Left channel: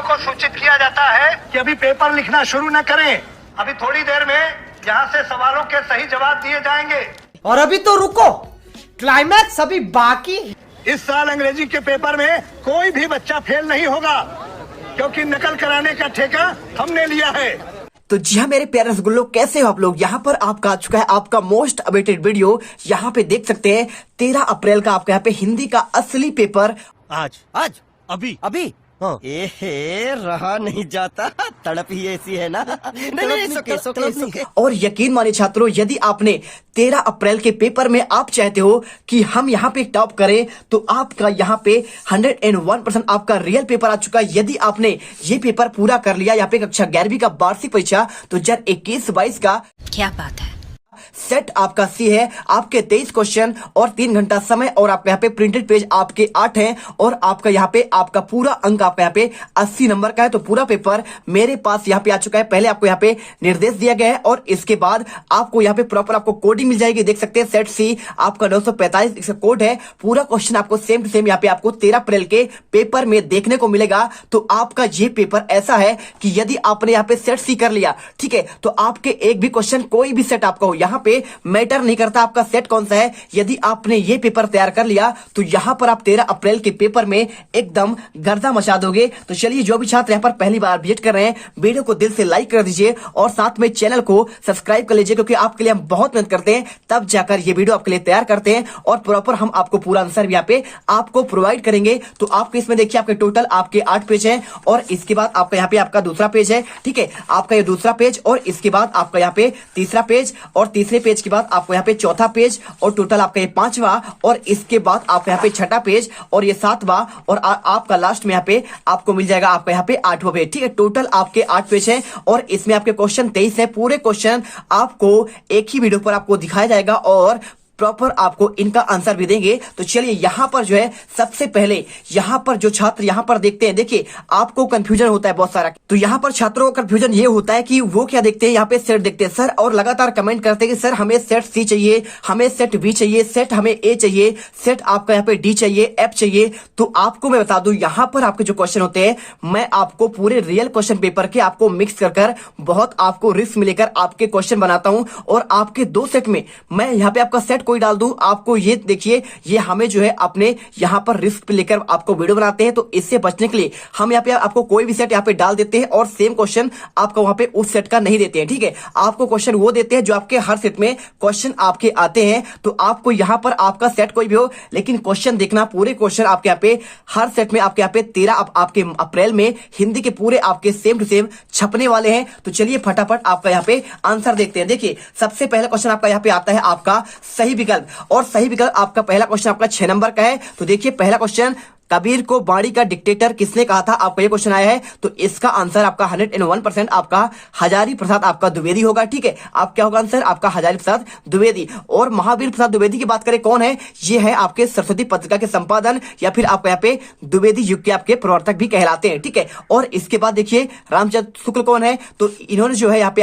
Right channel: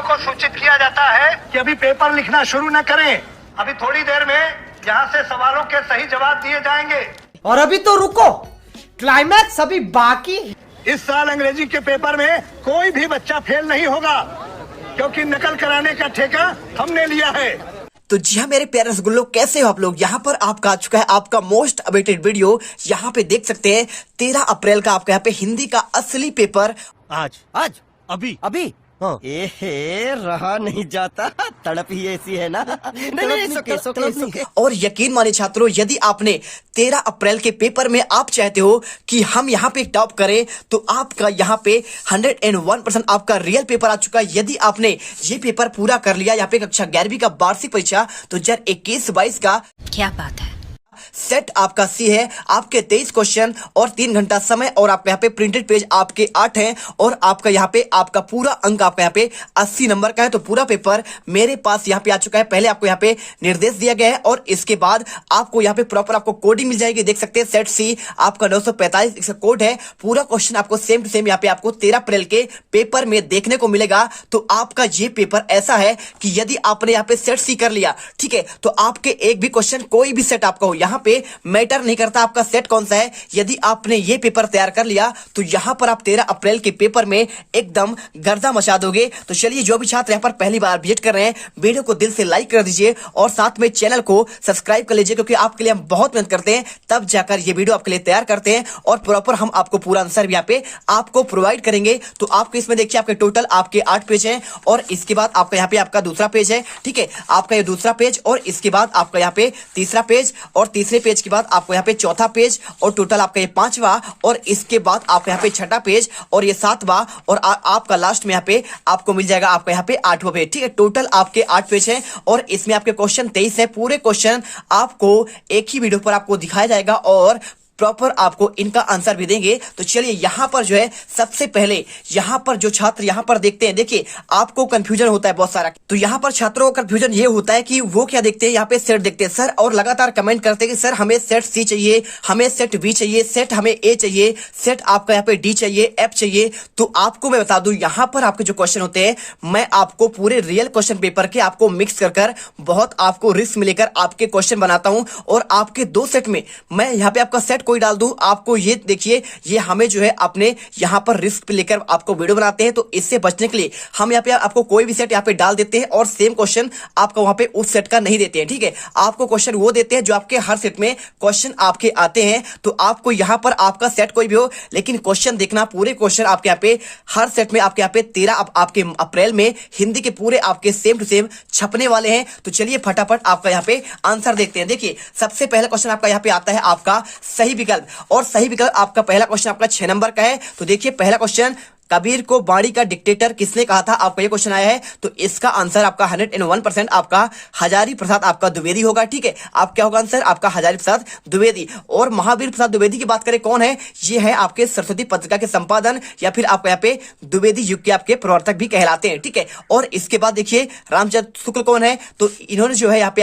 वालों को सूचित किया जाता है कि अभी पेपर लिखना शुरू न करें। अभी थोड़ी देर में यहाँ से सवालों के सही जवाब दिए जाएंगे। और अभी तो रुको, क्लाइमैक्स अभी बाकी। इस साल अंग्रेजी के पेपर में कोई भी बच्चा फेल नहीं होगा, क्योंकि नकल कराने का ठेका हमने लिया है। तो जी हाँ मेरे प्यारे रसगुल्लो, कैसे हो आप लोग। यहाँ पर आपका आ चुका है आपका मोस्ट अवेटेड वीडियो। यहाँ पे देख सकते हैं 13 अप्रैल का आपका यहाँ पे हिंदी का असली पेपर आज अभी हाँ। रहा नहीं जाता, तड़प ही ऐसी है ना। नहीं। और यकीन मानिए छात्रों, यदि आपने 13 अप्रैल के पेपर में आप चाहते हो कि हम यहाँ पे टॉप करें, तो आपका यहाँ पे 101% आपका रियल पेपर आ चुका है। यदि आपने ये पेपर पूरा कर लिया, यहाँ पे कक्षा 11वीं का वार्षिक परीक्षा 2021-22 का, क्या बात है, सेट आपका सी है। आपके 23 क्वेश्चन और 3 घंटा समय, और आपके यहाँ पे प्रिंटेड पेज आपके 8 हैं, और आपका यहाँ पे आपका पूरा अंक आपका यहाँ पे 80 नंबर का है। तो पूरा पेपर मेरे पास यहाँ पे आ चुका है। पहले आपको यहाँ पे निर्देश दिया गया है, और इसके बाद आपको यहाँ पे प्रॉपर आपको कोडिंग मिल जाएगी। देख सकते हैं सेट सी आपका 945 इसका कोड है। पूरा क्वेश्चन आपको सेम टू सेम यहाँ पे आपको 13 अप्रैल के पेपर में देखने को मिलेगा। तो आपका ये पेपर ऐसा है कि यदि आपने यहाँ पे सेट सी कर लिया, ठीक है, तो आपके एक भी क्वेश्चन कोई भी सेट आपका हो, यहाँ पे मैटर नहीं करता आपका सेट कौन सा है। यदि आपने ये पेपर तैयार कर लिया, तो यहां पर आप 13 अप्रैल के पेपर में एकदम गर्दा मचा दोगे। तो चलिए, जो भी छात्र यहां पर पहली बार विजिट कर रहे हैं, वीडियो को दिल से लाइक कर दीजिए और साथ में चैनल को सब्सक्राइब कर लीजिए, क्योंकि आपके लिए हम बहुत मेहनत करते हैं, तब जाकर ये वीडियो आपके लिए तैयार करते हैं, और प्रॉपर हम आपको पूरा आंसर भी यहाँ पे आपको प्रोवाइड करेंगे। तो आपको इसमें देखिए, आपके टोटल आपके 8 पेज है, और इसके बाद आपका यहाँ पे आपका दूसरा पेज है, ठीक है, आपका ये दूसरा पेज, और इसके बाद आपका यहाँ पे तीसरा पेज, और तीसरे पेज के बाद आपको यहाँ पे चौथा पेज, और टोटल आपका ये 5वां, और इसके बाद आपका यहाँ पे 6ठा पेज, और ये 7वां, और आपका लास्ट में यहाँ पे आपको मिल जाएगा आपका यहाँ पे 8वां पेज, ठीक है। टोटल आपके 8 पेज है, और इसमें आपके क्वेश्चन 23 है। पूरे क्वेश्चन आपको एक ही वीडियो पर आपको दिखाया जाएगा, और प्रॉपर आपको इनका आंसर भी देंगे। तो चलिए, यहां पर जो है सबसे पहले यहां पर जो छात्र यहां पर देखते हैं, देखिए आपको कंफ्यूजन होता है बहुत सारा। तो यहां पर छात्रों को कंफ्यूजन ये होता है कि वो क्या देखते हैं, यहाँ पे सेट देखते हैं सर, और लगातार कमेंट करते हैं कि सर हमें सेट सी चाहिए, हमें सेट बी चाहिए, सेट हमें ए चाहिए, सेट आपका यहाँ पे डी चाहिए, एफ चाहिए। तो आपको मैं बता दूं, यहां पर आपके जो क्वेश्चन होते हैं, मैं आपको पूरे रियल क्वेश्चन पेपर के आपको मिक्स कर बहुत आपको रिस्क में लेकर आपके क्वेश्चन बनाता हूं, और आपके 2 सेट में मैं यहाँ पे आपका सेट कोई डाल दूं, आपको ये देखिए, ये हमें जो है अपने यहाँ पर रिस्क पे लेकर आपको वीडियो बनाते हैं। तो इससे बचने के लिए हम यहाँ पे आपको कोई भी सेट यहाँ पे डाल देते हैं, और सेम क्वेश्चन आपको वहां पे उस सेट का नहीं देते हैं, ठीक है। आपको क्वेश्चन वो देते हैं जो आपके हर सेट में क्वेश्चन आपके आते हैं। तो आपको यहाँ पर आपका सेट कोई भी हो, लेकिन क्वेश्चन देखना, पूरे क्वेश्चन आपके यहाँ पे हर सेट में आपके यहाँ पे 13 आपके अप्रैल में हिंदी के पूरे आपके सेम टू सेम छपने वाले हैं। तो चलिए फटाफट आपका यहाँ पे आंसर देखते हैं। देखिए, सबसे पहला क्वेश्चन आपका यहाँ पे आता है आपका सही विकल्प, और सही विकल्प आपका पहला क्वेश्चन आपका 6 नंबर का है। तो देखिए, पहला क्वेश्चन, कबीर को बाणी का डिक्टेटर किसने कहा था, आपका ये क्वेश्चन आया है। तो इसका आंसर आपका 101% आपका हजारी प्रसाद आपका द्विवेदी होगा, ठीक है। आप क्या होगा आंसर आपका हजारी प्रसाद द्विवेदी। और महावीर प्रसाद द्विवेदी की बात करें, कौन है, ये है आपके सरस्वती पत्रिका के संपादन, या फिर आपको यहाँ पे द्विवेदी युग के आपके प्रवर्तक भी कहलाते हैं, ठीक है। और इसके बाद देखिए, रामचंद्र शुक्ल कौन है, तो इन्होंने जो है यहाँ पे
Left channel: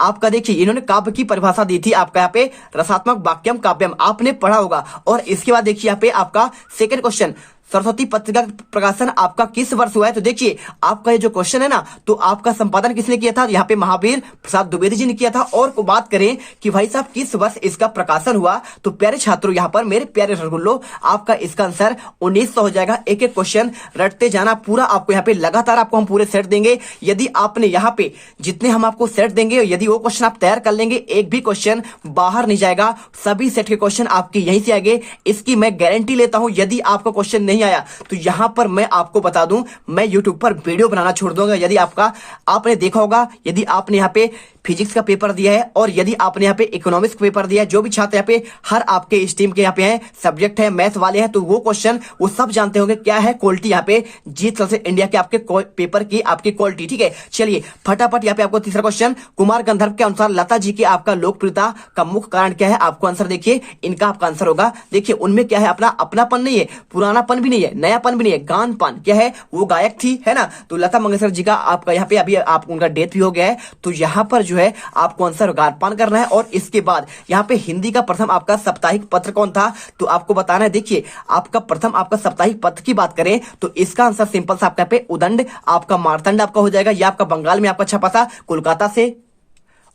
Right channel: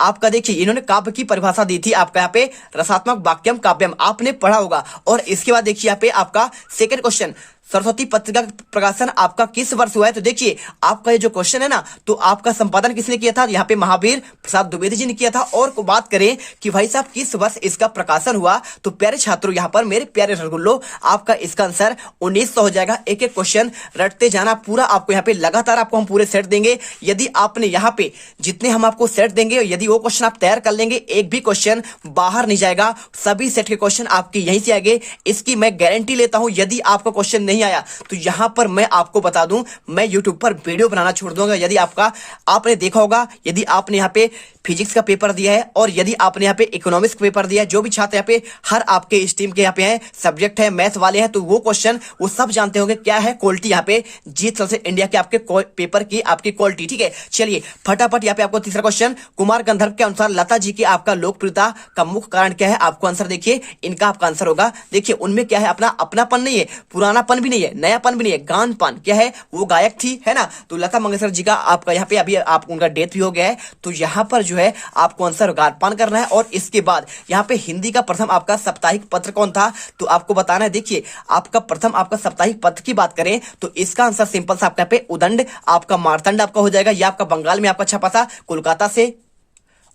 आपका देखिए, इन्होंने काव्य की परिभाषा दी थी आपका यहाँ पे रसात्मक वाक्यम काव्यम, आपने पढ़ा होगा। और इसके बाद देखिए, यहाँ पे आपका सेकंड क्वेश्चन, सरस्वती पत्रिका का प्रकाशन आपका किस वर्ष हुआ है। तो देखिए, आपका ये जो क्वेश्चन है ना, तो आपका संपादन किसने किया था, यहाँ पे महावीर प्रसाद द्विवेदी जी ने किया था। और को बात करें कि भाई साहब किस वर्ष इसका प्रकाशन हुआ, तो प्यारे छात्रों, यहाँ पर मेरे प्यारे रसगुल्लो, आपका इसका आंसर 1900 हो जाएगा। एक एक क्वेश्चन रटते जाना, पूरा आपको यहाँ पे लगातार आपको हम पूरे सेट देंगे। यदि आपने यहाँ पे जितने हम आपको सेट देंगे, यदि वो क्वेश्चन आप तैयार कर लेंगे, एक भी क्वेश्चन बाहर नहीं जाएगा, सभी सेट के क्वेश्चन आपके यहीं से आएंगे, इसकी मैं गारंटी लेता हूं। यदि आपका क्वेश्चन नहीं आया, तो यहां पर मैं आपको बता दूं, मैं YouTube पर वीडियो बनाना छोड़ दूंगा। यदि आपने देखा होगा, यदि आपने यहाँ पे फिजिक्स का पेपर दिया है, और यदि आपने यहाँ पे इकोनॉमिक्स का पेपर दिया है, जो भी छात्र यहाँ पे हर आपके स्ट्रीम के यहाँ पे हैं, सब्जेक्ट है, मैथ वाले हैं, तो वो क्वेश्चन वो सब जानते होंगे क्या है क्वालिटी यहाँ पे जीत सबसे इंडिया के आपके पेपर की आपकी क्वालिटी, ठीक है। चलिए फटाफट यहाँ पे आपको तीसरा क्वेश्चन, कुमार गंधर्व के अनुसार लता जी की आपका लोकप्रियता का मुख्य कारण क्या है, आपको आंसर देखिए, इनका आपका आंसर होगा। देखिए, उनमें क्या है, अपना अपनापन नहीं है, पुरानापन भी नहीं है, नयापन भी नहीं है, गानपान क्या है, वो गायक थी, है ना। तो लता मंगेशकर जी का आपका यहाँ पे अभी आप उनका डेथ भी हो गया है। तो यहाँ पर जो है आपको आंसर गारपान करना है। और इसके बाद यहाँ पे हिंदी का प्रथम आपका साप्ताहिक पत्र कौन था तो आपको बताना है। देखिए आपका प्रथम आपका साप्ताहिक पत्र की बात करें तो इसका आंसर सिंपल सा आपका पे उदंड, आपका मारतंड आपका हो जाएगा। ये आपका बंगाल में आपका छपा था कोलकाता से।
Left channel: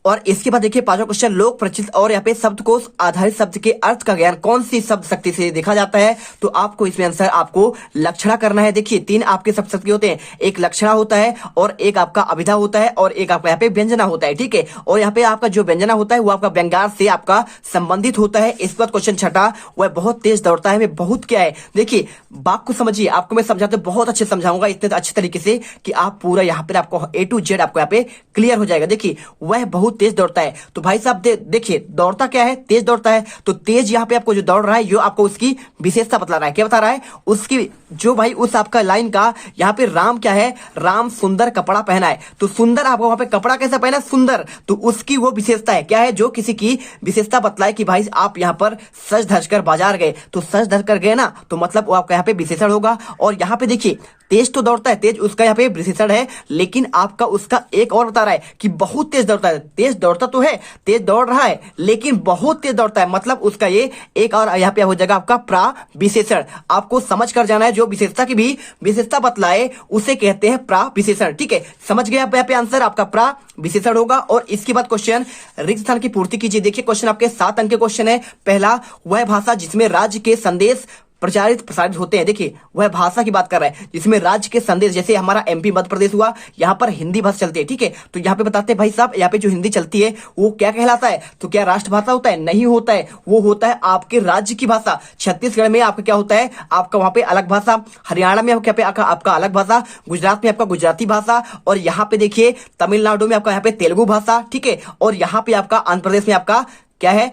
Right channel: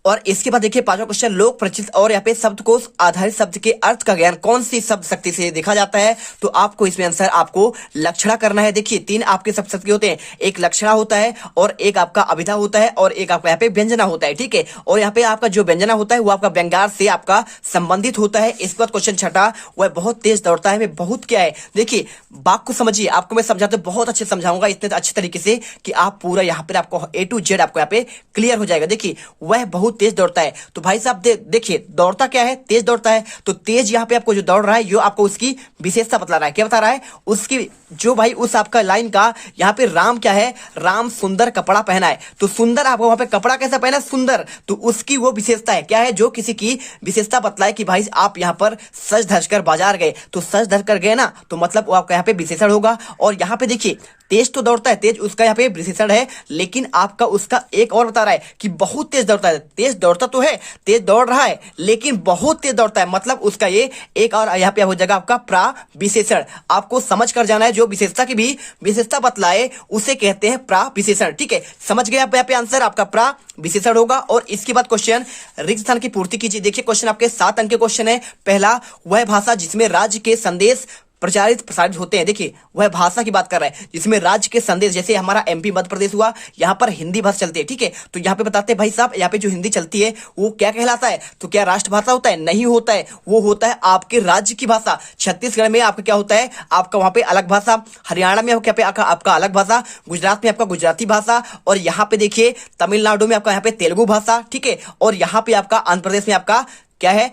और इसके बाद देखिए पांचवा क्वेश्चन, लोक प्रचलित और यहाँ पे शब्दकोश आधारित शब्द के अर्थ का ज्ञान कौन सी शब्द शक्ति से देखा जाता है तो आपको इसमें आंसर आपको लक्षणा करना है। देखिए तीन आपके शब्द शक्ति होते हैं, एक लक्षणा होता है और एक आपका अभिधा होता है और एक आपका यहाँ पे व्यंजना होता है। ठीक है, और यहाँ पे आपका जो व्यंजना होता है वो आपका व्यंग्यार से आपका संबंधित होता है। इसके बाद क्वेश्चन छठा, वह बहुत तेज दौड़ता है में बहुत क्या है। देखिए बात को समझिए, आपको मैं समझाते बहुत अच्छे समझाऊंगा इतने अच्छे तरीके से कि आप पूरा यहाँ पे आपको A to Z आपको यहाँ पे क्लियर हो जाएगा। देखिए वह बहुत तेज दौड़ता है तो भाई साहब देखिए दौड़ता क्या है, तेज दौड़ता है। तो तेज यहाँ पे आपको जो दौड़ रहा है यो आपको उसकी विशेषता बतला रहा है। क्या बता रहा है उसकी जो भाई उस आपका लाइन का यहाँ पे राम क्या है, राम सुंदर कपड़ा पहना है। तो सुंदर आपको वहां पे कपड़ा कैसा पहना है, सुंदर, तो उसकी वो विशेषता है क्या है जो किसी की विशेषता बतलाए कि भाई आप यहाँ पर सज धज कर बाजार गए तो सज धज कर गए ना तो मतलब वो आपका यहाँ पे विशेषण होगा। और यहाँ पे देखिए तेज तो दौड़ता है, तेज उसका यहाँ पे विशेषण है, लेकिन आपका उसका एक और बता रहा है कि बहुत तेज दौड़ता है। तेज दौड़ता तो है, तेज दौड़ रहा है लेकिन बहुत तेज दौड़ता है, मतलब उसका ये एक और यहाँ पे हो जाएगा आपका प्रा विशेषण। आपको समझ कर जाना है, जो विशेषता की भी विशेषता बतलाए उसे कहते हैं प्रा विशेषण। ठीक है, समझ गए आप यहाँ पे आंसर आपका प्रा विशेषण होगा। और इसके बाद क्वेश्चन रिक्त स्थान की पूर्ति कीजिए। देखिए क्वेश्चन आपके 7 अंक के क्वेश्चन है। पहला, वह भाषा जिसमें राज्य के संदेश प्रसारित होते हैं। देखिए वह भाषा की बात कर रहा है जिसमें राज्य के संदेश, जैसे हमारा MP मध्य प्रदेश हुआ, यहाँ पर हिंदी भाषा चलती है। ठीक है, तो यहाँ पे बताते हैं भाई साहब यहाँ पे जो हिंदी चलती है वो क्या कहलाता है, तो क्या राष्ट्रभाषा होता है, नहीं होता है, वो होता है आपके राज्य की भाषा। छत्तीसगढ़ में आपका क्या होता है, आपका वहां पे अलग भाषा, हरियाणा में आपका अलग भाषा, गुजरात में आपका गुजराती भाषा, और यहाँ पे देखिए तमिलनाडु में आपका यहाँ पे तेलुगु भाषा। ठीक है, और यहाँ पे आपका आंध्र प्रदेश में आपका क्या है,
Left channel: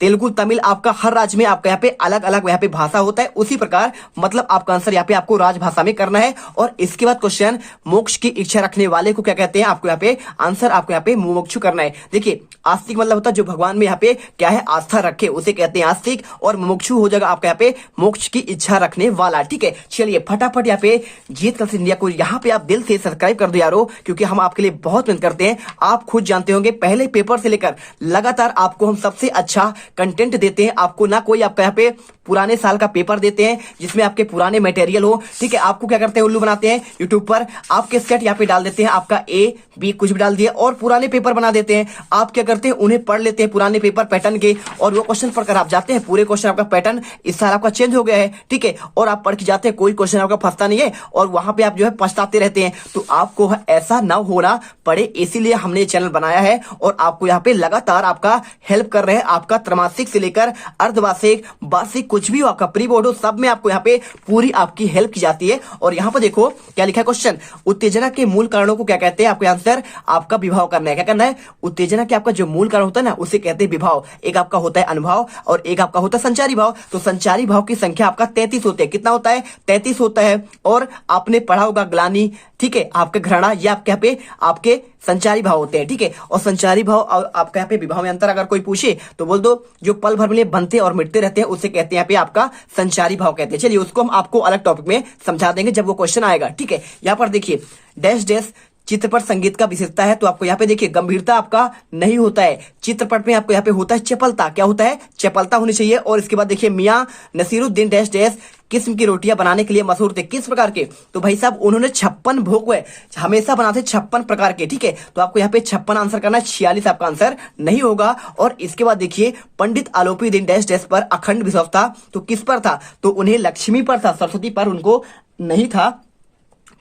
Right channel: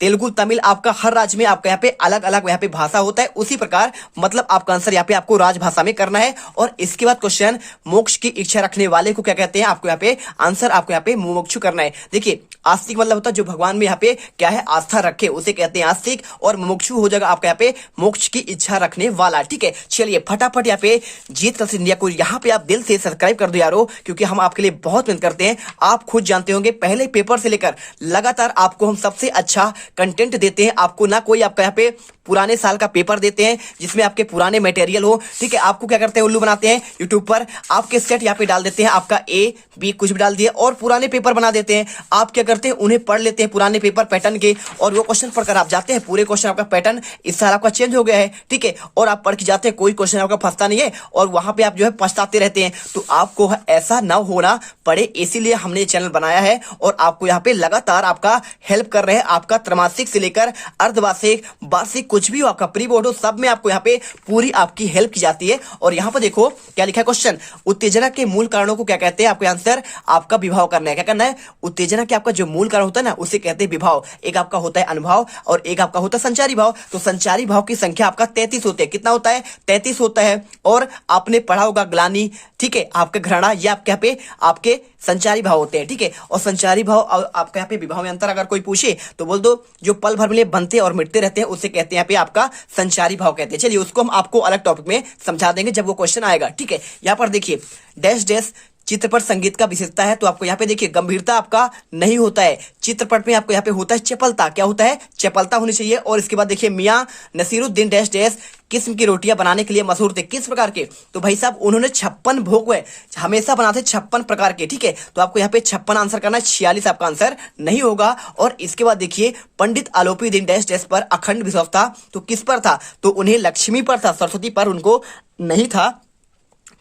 तेलुगु, तमिल, आपका हर राज्य में आपका यहाँ पे अलग अलग यहाँ पे भाषा होता है। उसी प्रकार मतलब आपका आंसर यहाँ पे आपको राजभाषा में करना है। और इसके बाद क्वेश्चन, मोक्ष की इच्छा रखने वाले को क्या कहते हैं, आपको यहाँ पे आंसर आपको यहाँ पे मुमुक्षु करना है। देखिए आस्तिक मतलब होता है जो भगवान में यहाँ पे क्या है आस्था रखे, उसे कहते हैं आस्तिक, और मुमुक्षु हो जाएगा आपका यहाँ पे मोक्ष की इच्छा रखने वाला। ठीक है, चलिए फटाफट यहाँ पे जीत कल्चर इंडिया को यहाँ पे आप दिल से सब्सक्राइब कर दो यारो, क्योंकि हम आपके लिए बहुत मेहनत करते हैं। आप खुद जानते होंगे पहले पेपर से लेकर लगातार आपको हम सबसे अच्छा कंटेंट देते हैं। आपको ना कोई आपका यहाँ पे पुराने साल का पेपर देते हैं जिसमें आपके पुराने मटेरियल हो। ठीक है, आपको क्या करते हैं उल्लू बनाते हैं यूट्यूब पर, आपके सेट यहाँ पे डाल देते हैं, आपका A B कुछ भी डाल दिए और पुराने पेपर बना देते हैं। आप क्या करते हैं उन्हें पढ़ लेते हैं पुराने पेपर पैटर्न के, और वो क्वेश्चन पढ़कर आप जाते हैं, पूरे क्वेश्चन आपका पैटर्न इस साल आपका चेंज हो गया है। ठीक है, और आप पढ़ के जाते हैं, कोई क्वेश्चन आपका फंसता नहीं है और वहां पे आप जो है पछताते रहते हैं। तो आपको ऐसा ना होना पड़े, इसीलिए हमने चैनल बनाया है और आपको यहाँ पे लगातार आपका हेल्प कर रहे हैं। आपका त्रैमासिक से लेकर अर्धवार्षिक, वार्षिक, कुछ भी आपका प्री बोर्ड हो, सब में आपको यहाँ पे पूरी आपकी हेल्प की जाती है। और यहाँ पर देखो क्या लिखा है क्वेश्चन, उत्तेजना के मूल कारणों को क्या कहते हैं, आपको आंसर आपका विभाव करना है। क्या करना है, उत्तेजना के आपका जो मूल कारण होता है ना उसे कहते हैं विभाव। एक आपका होता है अनुभाव और एक आपका होता है संचारी भाव। तो संचारी भाव की संख्या आपका 33 होते हैं। कितना होता है, 33 होता है। और आपने पढ़ा होगा ग्लानि, ठीक है, आपके घृणा, ये आपके यहाँ पे आपके संचारी भाव होते हैं। ठीक है, और संचारी भाव और आपके यहाँ पे विभाव में अंतर अगर कोई पूछे तो बोल दो जो पल भर में बनते और मिटते रहते हैं उसे कहते हैं यहाँ पे आपका संचारी भाव कहते हैं। चलिए उसको हम आपको अलग टॉपिक में समझा देंगे जब वो क्वेश्चन आएगा। ठीक है, यहाँ पर देखिए डैश डैश चित्रपट संगीत का विशेषता है, तो आपको यहाँ पे देखिए गंभीरता आपका नहीं होता है, चित्रपट में आपको यहाँ पे होता है चपलता। क्या होता है, चपलता होनी चाहिए। और इसके बाद देखिए मियां नसीरुद्दीन डैश डैश किस्म की रोटियां बनाने के लिए मशहूर थे, किस प्रकार के, तो भाई साहब उन्होंने 56 भोग हमेशा बनाते 56 प्रकार के। ठीक है, तो आपको यहाँ पे 56 आंसर करना है, 46 आपका आंसर नहीं होगा। और इसके बाद देखिए पंडित आलोपी दिन डैश डैश पर अखंड विश्वास था, तो किस पर था, तो उन्हें लक्ष्मी पर था, सरस्वती पर उनको नहीं था।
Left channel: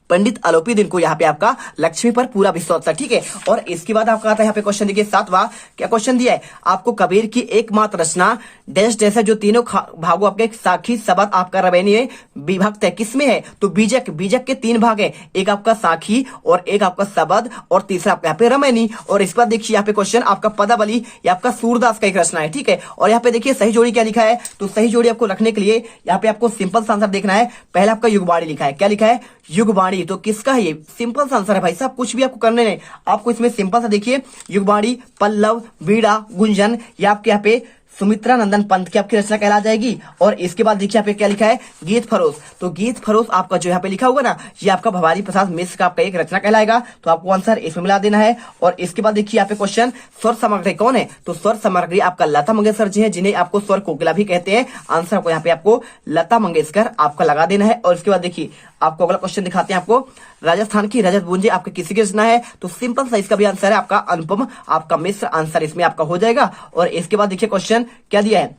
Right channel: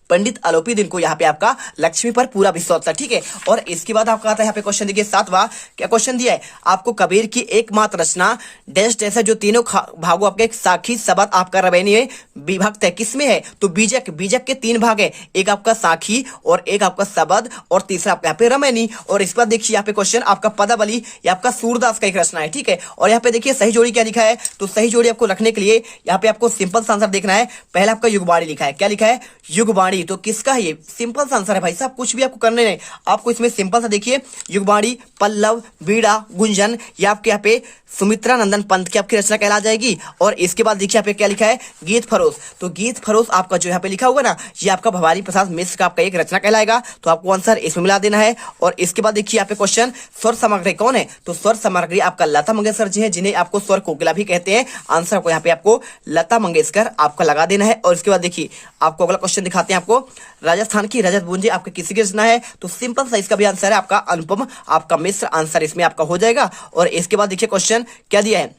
पंडित आलोपी दिन को यहाँ पे आपका लक्ष्मी पर पूरा विश्वास था। ठीक है, और इसके बाद आपका आता है यहाँ पे क्वेश्चन देखिए 7वां, क्या क्वेश्चन दिया है आपको, कबीर की एकमात्र रचना डैश डैश है जो तीनों भागों आपके साखी सबद आपका रवैनी में विभक्त है, किसमें है, तो बीजक। बीजक के 3 भाग है, एक आपका साखी और एक आपका सबद और तीसरा आपका यहाँ पे रमैनी। और इसके बाद देखिए यहाँ पे क्वेश्चन आपका पदावली, ये आपका सूरदास का एक रचना है। ठीक है, और यहाँ पे देखिए सही जोड़ी क्या लिखा है, तो सही जोड़ी आपको रखने के लिए यहाँ पे आपको सिंपल सा आंसर देखना है। पहला आपका युगवाणी लिखा है, क्या लिखा है, युगवाणी, तो किसका है, ये सिंपल सा आंसर है भाई साहब, कुछ भी आपको करने नहीं, आपको इसमें सिंपल सा देखिए युगवाणी, पल्लव, वीणा, गुंजन, ये आपके यहाँ पे सुमित्रा नंदन पंत की आपकी रचना कहला जाएगी। और इसके बाद देखिए यहाँ पे क्या लिखा है, गीत फरोश। तो गीत फरोश आपका जो यहाँ पे लिखा हुआ ना, ये आपका भवानी प्रसाद मिश्र का आपका एक रचना कहलाएगा। तो आपको आंसर इसमें मिला देना है। और इसके बाद देखिए यहाँ पे क्वेश्चन, स्वर सामग्री कौन है? तो स्वर सामग्री आपका लता मंगेशकर जी है, जिन्हें आपको स्वर कोकिला भी कहते हैं। आंसर को यहाँ पे आपको लता मंगेशकर आपका लगा देना है। और इसके बाद देखिए आपको अगला क्वेश्चन दिखाते हैं आपको, राजस्थान की रजत बूंदी आपके किसी की रचना है? तो सिंपल सा इसका भी आंसर है आपका अनुपम आपका मिश्र, आंसर इसमें आपका हो जाएगा। और इसके बाद देखिए क्वेश्चन क्या दिया है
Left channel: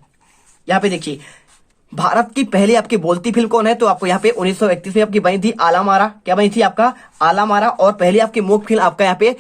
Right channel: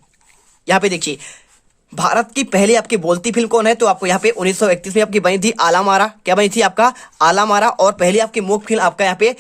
यहाँ पे, देखिए भारत की पहली आपकी बोलती फिल्म कौन है? तो आपको यहाँ पे 1931 में आपकी बनी थी आला मारा। क्या बनी थी आपका? आला मारा। और पहली आपकी मूक फिल्म आपका यहाँ पे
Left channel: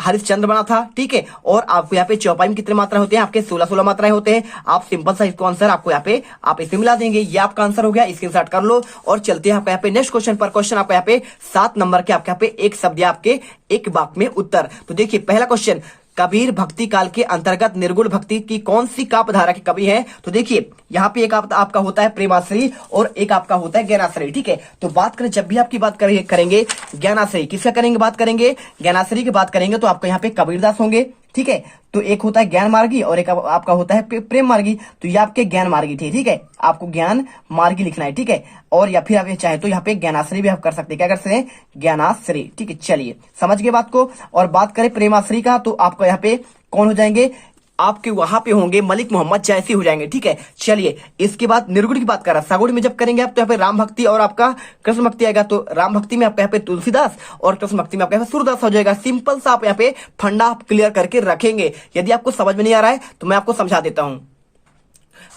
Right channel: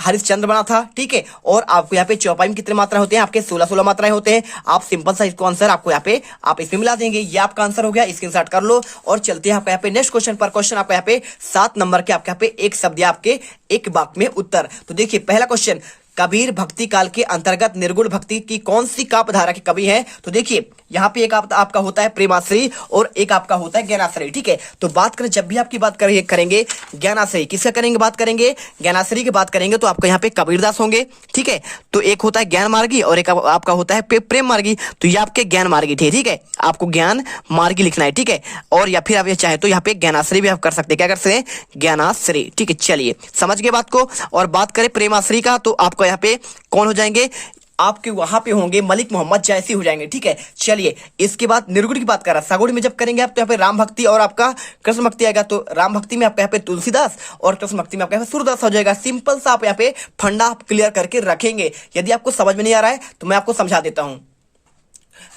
हरिश्चंद्र बना था, ठीक है। और आपको यहाँ पे चौपाई में कितने मात्रा होते हैं? आपके 16 मात्राएं होते हैं। आप सिंपल सा इसको आंसर आपको यहाँ पे आप इसमें मिला देंगे। ये आपका आंसर हो गया, स्क्रीनशॉट कर लो। और चलते हैं आपका यहाँ पे नेक्स्ट क्वेश्चन पर। क्वेश्चन आपका यहाँ पे 7 नंबर के आपके यहाँ पे एक शब्द या आपके एक वाक्य में उत्तर। तो देखिए पहला क्वेश्चन, कबीर भक्ति काल के अंतर्गत निर्गुण भक्ति की कौन सी काव्य धारा के कवि हैं? तो देखिए यहाँ पे एक आपका होता है प्रेमाश्री और एक आपका होता है ज्ञानाश्री, ठीक है। तो बात करें, जब भी आपकी बात करेंगे ज्ञानाश्री, किसका करेंगे बात करेंगे? ज्ञानाश्री की बात करेंगे तो आपको यहाँ पे कबीरदास होंगे, ठीक है। तो एक होता है ज्ञान मार्गी और एक आपका होता है प्रेम मार्गी। तो ये आपके ज्ञान मार्गी थे, ठीक है। आपको ज्ञान मार्गी लिखना है, ठीक है। और या फिर आप ये चाहे तो यहाँ पे ज्ञानाश्री भी आप कर सकते हैं। क्या कर सकते हैं? ज्ञानाश्री, ठीक है। चलिए समझ गए बात को। और बात करें प्रेमाश्री का, तो आपको यहाँ पे कौन हो जाएंगे? आपके वहां पे होंगे मलिक मोहम्मद जायसी हो जाएंगे, ठीक है। चलिए इसके बाद निर्गुण की बात कर रहा है। सगुण में जब करेंगे आप तो यहाँ पे राम भक्ति और आपका कृष्ण भक्ति आएगा। तो राम भक्ति में आपका यहाँ पे तुलसीदास और कृष्ण भक्ति में आपका यहाँ पे सूरदास हो जाएगा। सिंपल सा आप यहाँ पे फंडा आप क्लियर करके रखेंगे। यदि आपको समझ में नहीं आ रहा है तो मैं आपको समझा देता हूँ।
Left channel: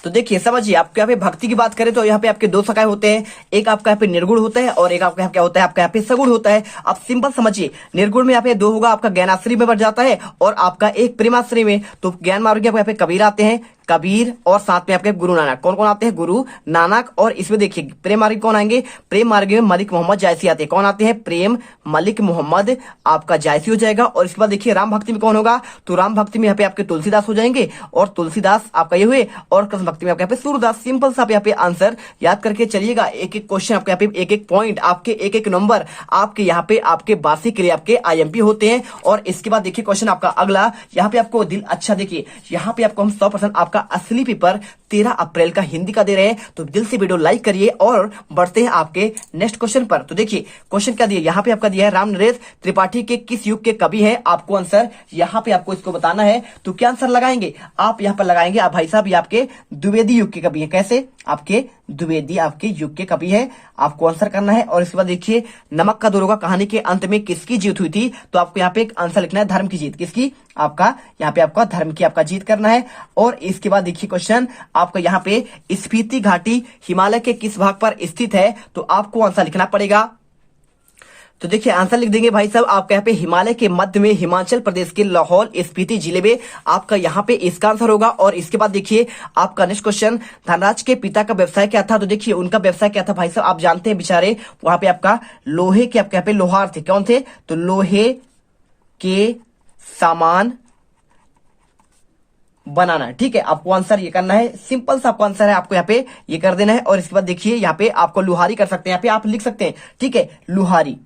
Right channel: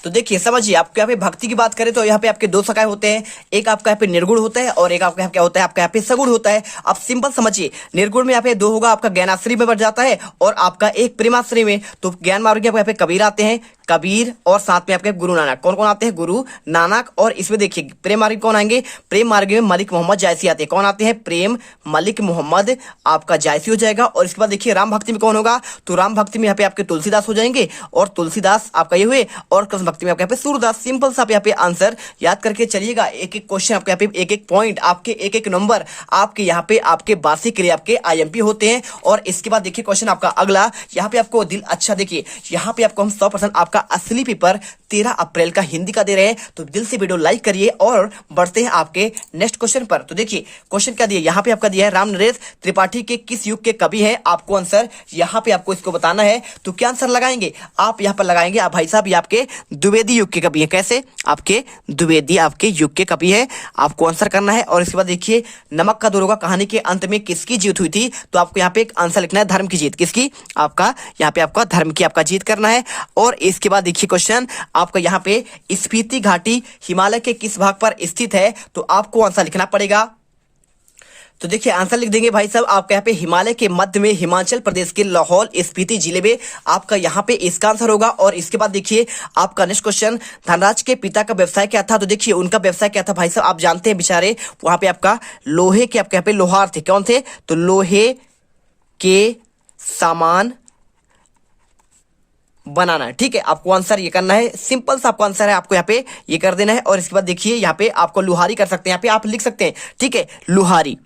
तो देखिए समझिए, आपके यहाँ पे भक्ति की बात करें तो यहाँ पे आपके 2 शाखाएं होते हैं। एक आपका यहाँ पे निर्गुण होता है और एक आपका क्या होता है? आपका यहाँ पे सगुण होता है। आप सिंपल समझिए, निर्गुण में यहाँ पे 2 होगा, आपका ज्ञानाश्री में बढ़ जाता है और आपका एक प्रेमाश्री में। तो ज्ञान मार्ग यहाँ पे कबीर आते हैं, कबीर और साथ में आपके गुरु नानक। कौन कौन आते हैं? गुरु नानक। और इसमें देखिए प्रेम मार्ग कौन आएंगे? प्रेम मार्ग में मलिक मोहम्मद जायसी आते हैं। कौन आते हैं? प्रेम मलिक मोहम्मद आपका जायसी हो जाएगा। और इसके बाद देखिए राम भक्ति में कौन होगा? तो राम भक्ति में यहाँ पे आपके तुलसीदास हो जाएंगे और तुलसीदास आपका ये हुए। और कृष्ण भक्ति में आपके यहाँ पे सूरदास। सिंपल सा आप यहाँ पे आंसर याद करके चलिएगा। एक एक क्वेश्चन आपके यहाँ पे एक एक पॉइंट, आपके एक एक नंबर आपके यहाँ पे आपके वार्षिक के लिए आपके IMP होते हैं। और इसके बाद देखिए क्वेश्चन आपका अगला, यहाँ पे आपको दिल अच्छा देखिए, यहाँ पे आपको हम 100% आपका असली पेपर 13 अप्रैल का हिंदी का दे रहे हैं। तो दिल से वीडियो लाइक करिए और बढ़ते हैं आपके नेक्स्ट क्वेश्चन पर। तो देखिए क्वेश्चन क्या दिया, यहाँ पे आपका दिया है राम नरेश त्रिपाठी के किस युग के कवि हैं? आपको आंसर यहाँ पे आपको इसको बताना है। तो क्या आंसर लगाएंगे आप? यहाँ पर लगाएंगे आप भाई साहब, ये आपके द्विवेदी युग के कवि है। कैसे? आपके द्विवेदी आपके युग के कवि है, आपको आंसर करना है। और इसके बाद देखिए नमक का दरोगा कहानी के अंत में किसकी जीत हुई थी? तो आपको यहाँ पे एक आंसर लिखना है, धर्म की जीत। किसकी? आपका यहाँ पे आपका धर्म की आपका जीत करना है। और इसके बाद देखिए क्वेश्चन आपका यहाँ पे स्पीति घाटी हिमालय के किस भाग पर स्थित है? तो आपको आंसर लिखना पड़ेगा। तो देखिए आंसर लिख देंगे भाई साहब, आपका यहाँ पे हिमालय के मध्य में हिमाचल प्रदेश के लाहौल स्पीति जिले में आपका यहाँ पे इसका आंसर होगा। और इसके बाद देखिए आपका नेक्स्ट क्वेश्चन, धनराज के पिता का व्यवसाय क्या था? तो देखिए उनका व्यवसाय क्या था भाई साहब? आप जानते हैं बेचारे वहां पे आपका लोहे के आपके यहाँ पे लोहार थे। कौन थे? तो लोहे के सामान बनाना, ठीक है। आपको आंसर ये करना है, सिंपल सा आपको आंसर है, आपको यहाँ पे ये कर देना है। और इसके बाद देखिए यहाँ पे आपको लुहारी कर सकते हैं, यहाँ पे आप लिख सकते हैं, ठीक है। लुहारी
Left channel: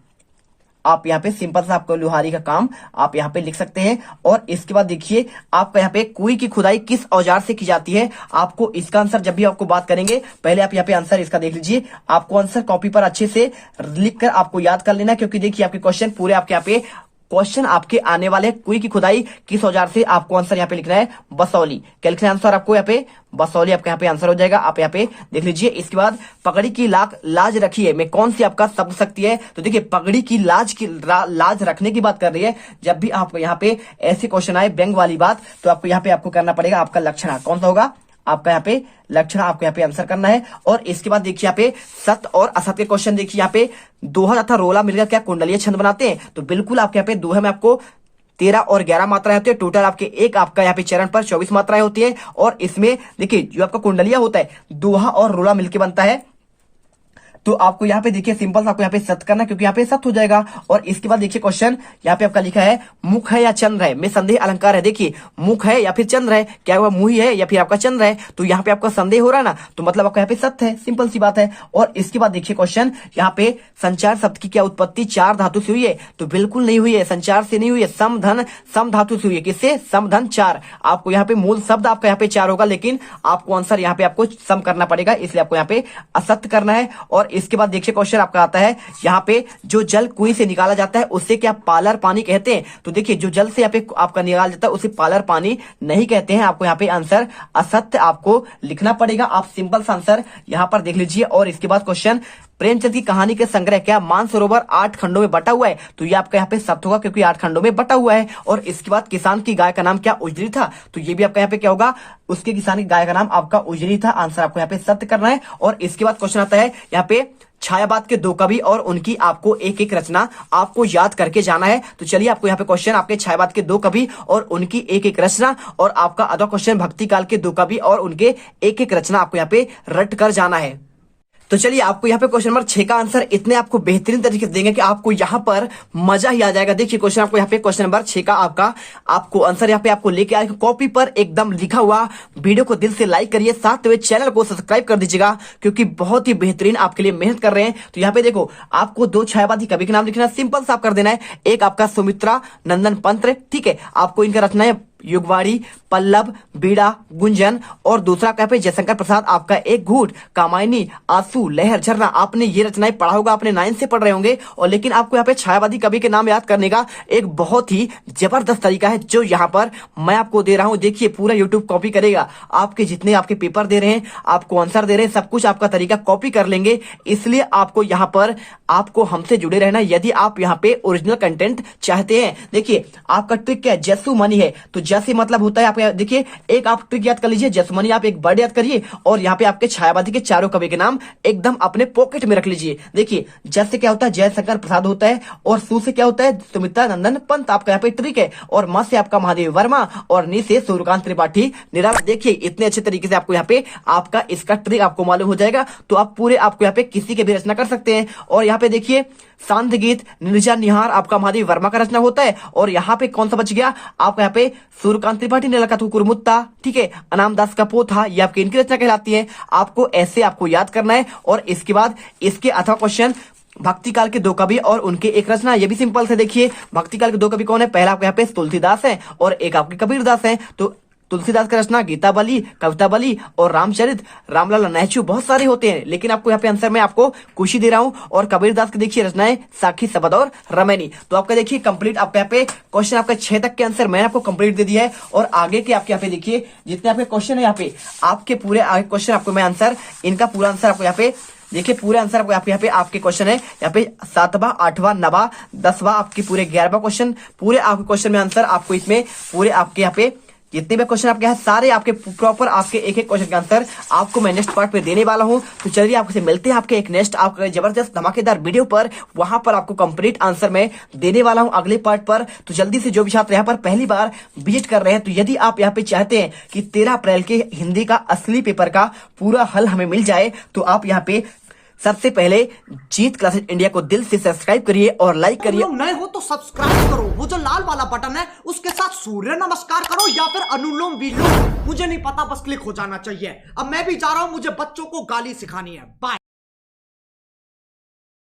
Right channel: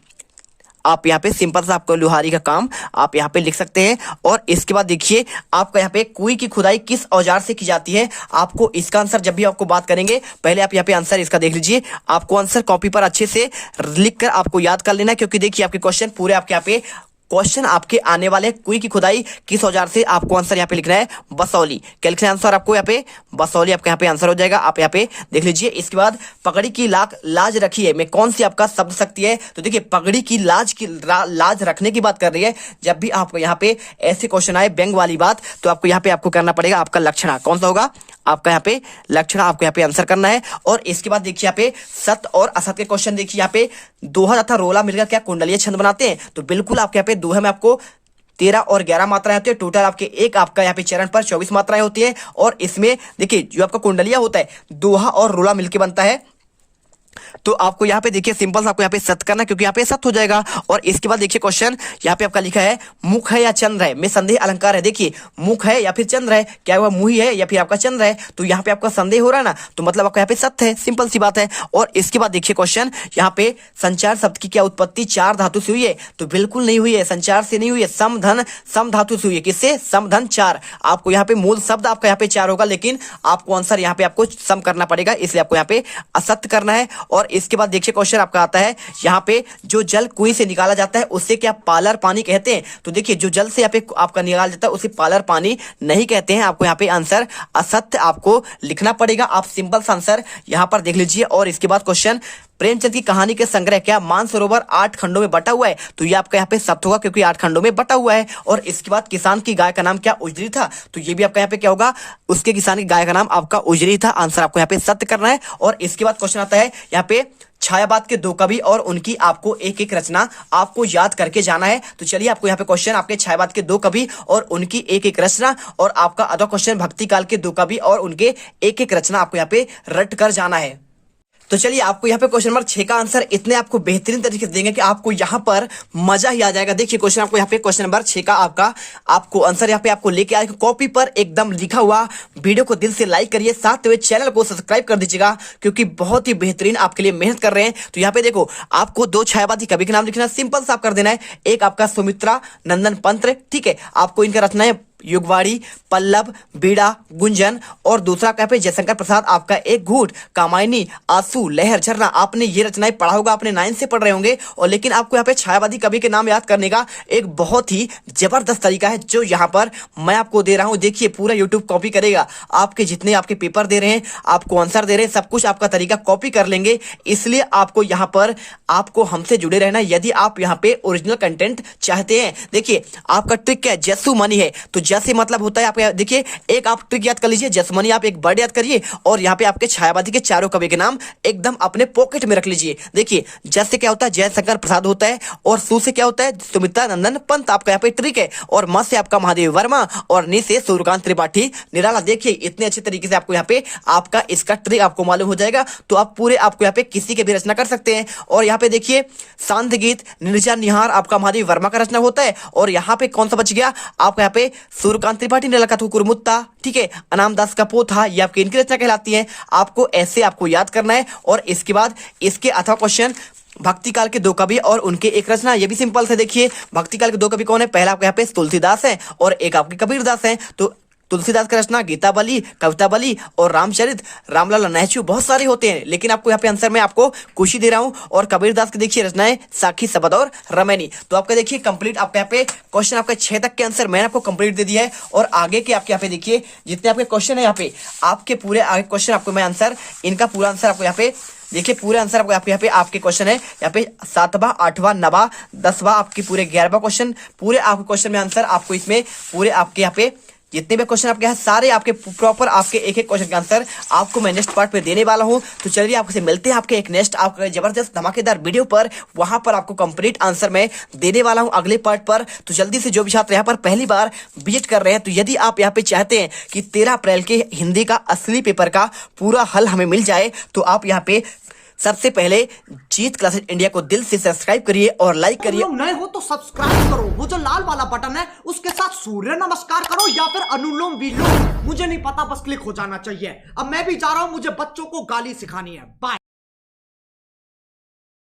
आप यहाँ पे सिंपल सा आपको लुहारी का काम आप यहाँ पे लिख सकते हैं। और इसके बाद देखिए आपका यहाँ पे कुएं की खुदाई किस औजार से की जाती है? आपको इसका आंसर जब भी आपको बात करेंगे, पहले आप यहाँ पे आंसर इसका देख लीजिए। आपको आंसर कॉपी पर अच्छे से लिख कर आपको याद कर लेना है, क्योंकि देखिए आपके क्वेश्चन पूरे आपके यहाँ पे क्वेश्चन आपके आने वाले कुएं की खुदाई किस औजार से, आपको आंसर यहाँ पे लिखना है बसौली। क्या लिखना है आंसर आपको? यहाँ पे बसौली आपका यहाँ पे आंसर हो जाएगा। आप यहाँ पे देख लीजिए। इसके बाद पगड़ी की लाज रखी है में कौन सी आपका शब्द शक्ति है? तो देखिए पगड़ी की लाज रखने की बात कर रही है। जब भी आपको यहाँ पे ऐसे क्वेश्चन आए व्यंग वाली बात, तो आपको यहाँ पे आपको करना पड़ेगा आपका लक्षण। कौन सा होगा? आपका यहाँ पे लक्षण आपको यहाँ पे आंसर करना है। और इसके बाद देखिए यहाँ पे सत्य और असत्य के क्वेश्चन देखिए, यहाँ पे दोहा तथा रोला मिलकर क्या कुंडलीय छंद बनाते हैं? तो बिल्कुल आपके यहाँ पे दोहा में आपको 13 और 11 मात्राएं होती है। टोटल आपके एक आपका यहाँ पे चरण पर 24 मात्राएं होती है। और इसमें देखिए जो आपका कुंडलिया होता है दोहा और रोला मिलकर बनता है तो आपको यहाँ पे देखिए सिंपल आपको यहाँ पे सत्य करना है, क्योंकि यहाँ पे सत्य हो जाएगा। और इसके बाद देखिए क्वेश्चन यहाँ पे आपका लिखा है मुख है या चंद्र है, में संदेह अलंकार है। देखिए मुख है या फिर चंद्र है, क्या हुआ मुही है या फिर आपका चंद्र है, तो यहाँ पे आपका संदेह हो रहा है ना, तो मतलब आपका यहाँ पे सत्य है, सिंपल सी बात है। और इसके बाद देखिए क्वेश्चन यहाँ पे संचार शब्द की क्या उत्पत्ति चार धातु से हुई है, तो बिल्कुल नहीं हुई है, संचार से नहीं हुई है, सम धन सम धातु से हुई है। किससे? सम धन चार। आपको यहाँ पे मूल शब्द आपका यहाँ पे चार होगा, लेकिन आपको आंसर यहाँ पे आपको सम करना पड़ेगा, इसलिए आपको यहाँ पे असत्य करना है। और इसके बाद देखिए क्वेश्चन आपका आता है यहाँ पे जो जल कुएं से निकाला जाता है उससे क्या पालर पानी कहते हैं, तो देखिए जो जल से यहाँ पे आपका निकाला जाता है उसे पालर पानी नहीं कहते हैं। आपको यहाँ पे आंसर असत्य आपको लिखना पड़ेगा। आप सिंपल सा आंसर यहाँ पर देख लीजिए। और इसके बाद क्वेश्चन प्रेमचंद की कहानी के संग्रह क्या मानसरोवर 8 खंडों में बटा हुआ है, तो ये आपका यहाँ पे सत्य होगा, क्योंकि 8 खंडों में बटा हुआ है। और इसके बाद किसान की गाय का नाम क्या उजरी था, तो ये भी आपका यहाँ पे क्या होगा, उसके किसान की गाय का नाम आपका उजरी था। आंसर आपको यहाँ पे सत्य करना है। और इसके बाद क्वेश्चन आता है यहाँ पे छायावाद के 2 कवि और उनकी आपको एक एक रचना आपको याद करके जाना है। तो चलिए आपको यहाँ पे क्वेश्चन आपके छायावाद के 2 कवि और उनकी एक एक रचना, और आपका अगला क्वेश्चन भक्ति काल के 2 कवि और उनके एक एक रचना आपको यहाँ पे रट कर जाना है। तो चलिए आपको यहाँ पे क्वेश्चन नंबर 6 का आंसर इतने आपको बेहतरीन तरीके से देंगे कि आपको यहाँ पर मजा ही आ जाएगा। देखिए क्वेश्चन आपको यहाँ पे क्वेश्चन नंबर 6 का आपको आंसर यहाँ पे आपको लेके आए कॉपी पर एकदम लिखा हुआ। वीडियो को दिल से लाइक करिए, साथ में चैनल को सब्सक्राइब कर दीजिएगा, क्योंकि बहुत ही बेहतरीन आपके लिए मेहनत कर रहे हैं। तो यहाँ पे देखो आपको 2 छायावादी कवि के नाम लिखना, सिंपल सा कर देना है। एक आपका सुमित्रा नंदन पंत, ठीक है, आपको इनका रचना है युगवाड़ी, पल्लव, बीड़ा, गुंजन। और दूसरा क्या पे जयशंकर प्रसाद आपका एक घूट, कामायनी, आंसू, लहर, झरना। आपने ये रचनाएं पढ़ा होगा, आपने 9 से पढ़ रहे होंगे। और लेकिन आपको यहाँ पे छायावादी कवि के नाम याद करने का एक बहुत ही जबरदस्त तरीका है, जो यहाँ पर मैं आपको दे रहा हूँ। देखिए पूरा यूट्यूब कॉपी करेगा, आपके जितने आपके पेपर दे रहे हैं, आपको आंसर दे रहे हैं, सब कुछ आपका तरीका कॉपी कर लेंगे। इसलिए आपको यहाँ पर आपको हमसे जुड़े रहना यदि आप यहाँ पे ओरिजिनल कंटेंट चाहते हैं। देखिए आपका ट्रिक क्या है, जैसू मनी है, तो जैसे मतलब होता है आपका, देखिए एक आप ट्रिक याद कर लीजिए, जसमनी आप एक वर्ड याद करिए, और यहाँ पे आपके छायावादी के चारों कवि के नाम एकदम अपने पॉकेट में रख लीजिए। देखिए जस से क्या होता है जयशंकर प्रसाद होता है, और सु से क्या होता है सुमित्रा नंदन पंत, आपका यहाँ पे ट्रिक है। और म से आपका महादेव वर्मा, और नि से सूर्यकांत त्रिपाठी निराला। देखिए इतने अच्छे तरीके से आपको यहाँ पे आपका इसका ट्रिक आपको मालूम हो जाएगा, तो आप पूरे आपको यहाँ पे किसी के भी रचना कर सकते हैं। और यहाँ पे देखिए शांत गीत निर्जा निहार आपका महादेव वर्मा का रचना होता है। और यहाँ पे कौन सा बच गया आपका, यहाँ पे सूर्यकांत त्रिपाठी ने लगा कुरमुत्ता, ठीक है, अनाम दास का पोथा, ये आपकी इनकी रचना कहलाती है। आपको ऐसे आपको याद करना है। और इसके बाद इसके अथवा क्वेश्चन भक्ति काल के 2 कवि और उनके एक रचना, ये भी सिंपल से। देखिए भक्ति काल के 2 कवि कौन है, पहला आपके यहाँ पे तुलसीदास है और एक आपके कबीरदास है। तो तुलसीदास की रचना गीतावली, कवितावली और रामचरित, रामलाल नहचू, बहुत सारे होते हैं, लेकिन आपको यहाँ पे आंसर में आपको कुछ ही दे रहा हूँ। और कबीरदास की देखिए रचनाएं साखी, शबद और रमैनी। तो आपका देखिए कंप्लीट आपके यहाँ पे क्वेश्चन आपके 6 तक के आंसर मैंने आपको कंप्लीट दे दिया है। और आगे के आपके यहाँ पे देखिए जितने आपके क्वेश्चन है, यहाँ पे आपके पूरे आगे क्वेश्चन आपको मैं आंसर इनका पूरा आंसर आपको यहाँ पे देखिए पूरे आंसर आपको यहाँ पे आपके क्वेश्चन है यहाँ पे 7वां, 8वां, 9वां, 10वां, आपके पूरे 11वां क्वेश्चन, पूरे आपके क्वेश्चन में आंसर आपको इसमें पूरे आपके यहाँ पे जितने भी क्वेश्चन आपके हैं सारे आपके प्रॉपर आपके एक एक क्वेश्चन का आंसर आपको मैं नेक्स्ट पार्ट में देने वाला हूं। तो चलिए आपसे मिलते हैं आपके एक नेक्स्ट आपका जबरदस्त धमाकेदार वीडियो पर, वहां पर आपको कंप्लीट आंसर मैं देने वाला हूं अगले पार्ट पर। तो जल्दी से जो भी छात्र यहाँ पर पहली बार विजिट कर रहे हैं, तो यदि आप यहाँ पे चाहते हैं कि 13 अप्रैल के हिंदी का असली पेपर का पूरा हल हमें मिल जाए, तो आप यहाँ पे सबसे पहले जीत क्लासेस इंडिया को दिल से सब्सक्राइब करिए और लाइक करिए। लोग नए हो तो सब्सक्राइब करो, वो जो लाल वाला बटन है उसके साथ सूर्य नमस्कार करो या फिर अनुलोम विलोम, मुझे नहीं पता, बस क्लिक हो जाना चाहिए। अब मैं भी जा रहा हूं, मुझे बच्चों को गाली सिखानी है। बाय।